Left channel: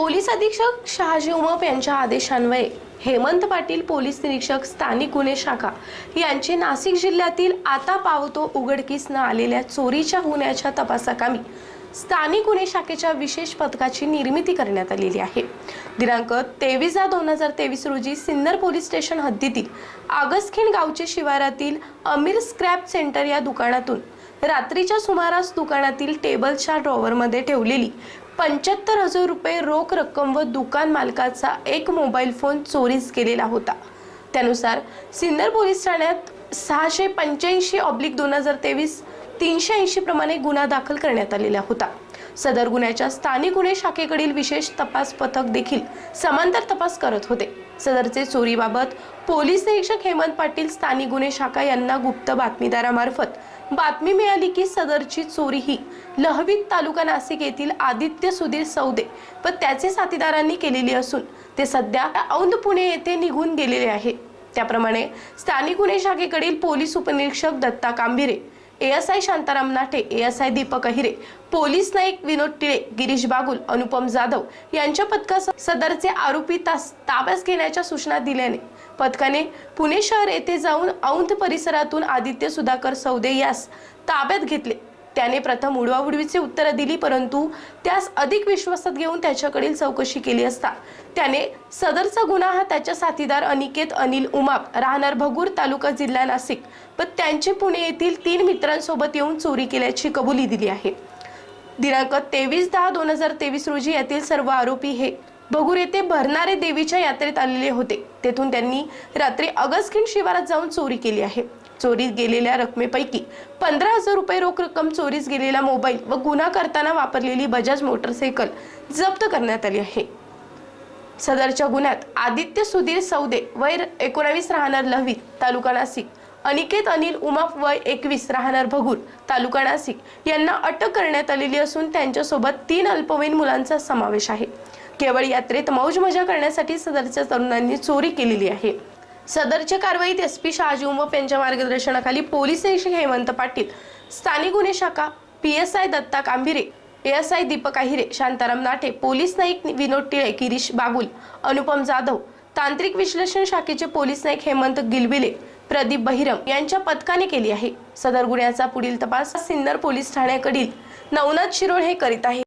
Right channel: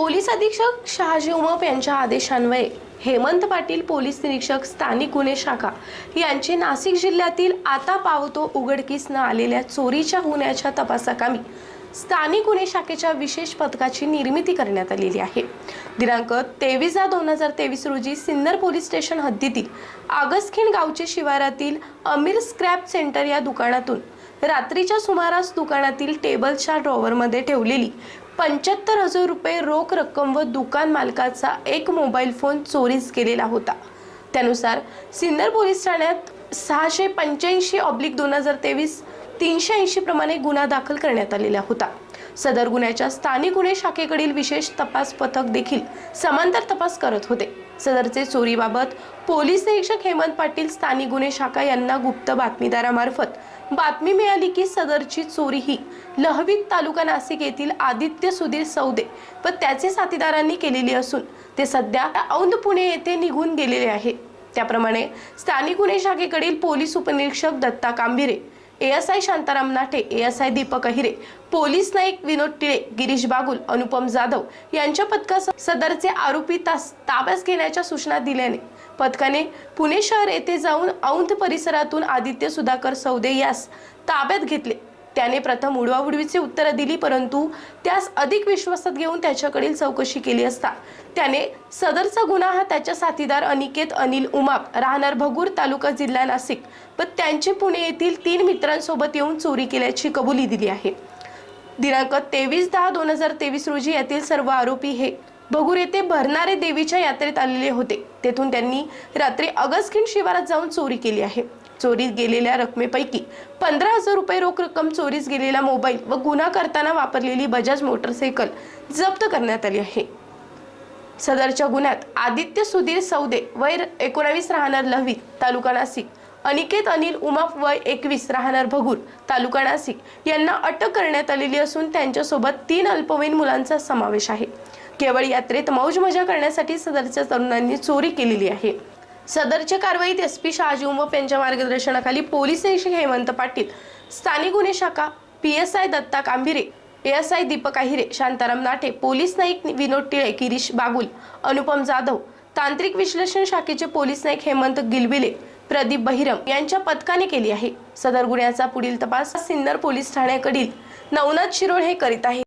Police अधीक्षक शहाजी उमप यांच्या आदेशान्वये हेमंत पाटील पोलीस निरीक्षक स्थानिक गुन्हे शाखा यांचे नाशिक जिल्ह्यातील आता पावतो उघडकीस न आलेल्या चोरीच्या गुन्ह्याच्या तपासाकामी स्थानिक गुन्हे शाखेच्या विशेष पथकाची निर्मिती करण्यात आलेली आहे. दिनांक तेवीस दोन हजार तेवीस रोजी सिन्नर पोलीस स्टेशन हद्दीतील आगसखिण गावचे शिवारातील अमीर स्क्रॅप सेंटर या दुकानातून रात्रीच्या सुमारास दुकानातील टेबलच्या ड्रॉवरमध्ये ठेवलेली पंच्याहत्तर हजार रुपये रोख रक्कम व दुकान मालकाचा एक मोबाईल फोन चोरीस गेलेला होता. त्यानुसार सिन्नर पोलीस ठाण्यात सहाशे पंच्याऐंशी ऑब्लिक दोन हजार तेवीस तीनशे ऐंशी प्रमाणे गुन्हा दाखल करण्यात आलेला होता. सदर गुन्ह्याच्या स्थानिक गुन्हे शाखेकडील विशेष तपास पथक देखील समांतर तपास करत होते. सदरचे चोरीबाबत पोलीस निरीक्षक हेमंत पाटील स्थानिक गुन्हे शाखा यांना गुप्त बातमीदारामार्फत बातमी मिळाली की सदरची चोरी ही लहवीत तालुका नाशिक येथील आदित्य सुधीर सौदे व त्याचे साथीदारांनी केलेली असून ते सध्या औंध पुणे येथे निघून गेलेले आहे. त्याप्रमाणे स्थानिक गुन्हे शाखेकडील पोलीस उपनिरीक्षक Datta Kambire S I Shantaram Nate S I Deepak Ahire police Naik Vinod Tile Girish Bagul Anupam Jadhav यांच्या पथकासह सदरचे आरोपी तास ताब्यात घेण्याच्या सूचना दिल्याने पथकाने पुणे शहर येथे जाऊन औंध परिसरातून आदित्य सुधाकर सौदे यास ताब्यात घेतले. त्याने प्रथम उडवाउडवीची उत्तरं दिली परंतु त्यास अधिक विश्वासात घेऊन त्याच्याकडील चौकशी केली असता. त्याने सदरचा गुन्हा हा त्याच्या साथीदार अनिकेत अनिल उमाप राहणार भगूर तालुका जिल्हा नाशिक व त्यांचे पुणे येथील तीन मित्रांसोबत येऊन चोरी केल्याची कबुली दिली आहे. दिनांक तेवीस दहा दोन हजार तेवीस रोजी यातील सर्व आरोपी हे भगूर येथे भरणारे देवीच्या यात्रेत आलेले होते. तेथून त्यांनी रात्री अगस्किन शिवारात जाऊन चोरी केली आहे. चोरीत गेलेल्या रकमेपैकी पंधरा हजार रुपये रोख रक्कम चोरीस गेलेला मोबाईल व गुन्हा करताना वापरलेली बजाज मोटरसायकल जप्त करण्यात आली आहे. सदरच्या गुन्ह्यात आदित्य सुधीर सौदे वय एकोणावीस राहणार लहवी तालुका नाशिक. अनिकेत अनिल उमाप वय एकवीस राहणार भगूर तालुका नाशिक. यांना अटक करण्यात आलेली असून त्यांच्यासोबत तीन अल्पवयीन मुलांचा समावेश आहे. केवळ यात्रेत मौज मजा करण्यासाठी सदरच्या तरुणांनी चोरी केलेली आहे. सदरच्या कारवाईत एस पी शहाजी उमप यांच्या मार्गदर्शनाखाली पोलीस निरीक्षक हेमंत पाटील स्थानिक गुन्हे शाखा P S I Datta Kambhire S I Deepak Ahire Shantaram Nathe police Naik Vinod Tile Girish Bagul Anupam Jadhav तांत्रिक विश्लेषण शाखेचे पोलीस नाईक हेमंत गिलबिले प्रदीप बहिरम यांच्या पथकाने केली आहे. सदर गुन्ह्याचा पुढील तपास सिन्नर पोलीस ठाण्याकडील नवनाथ शिरोळ हे करीत आहे.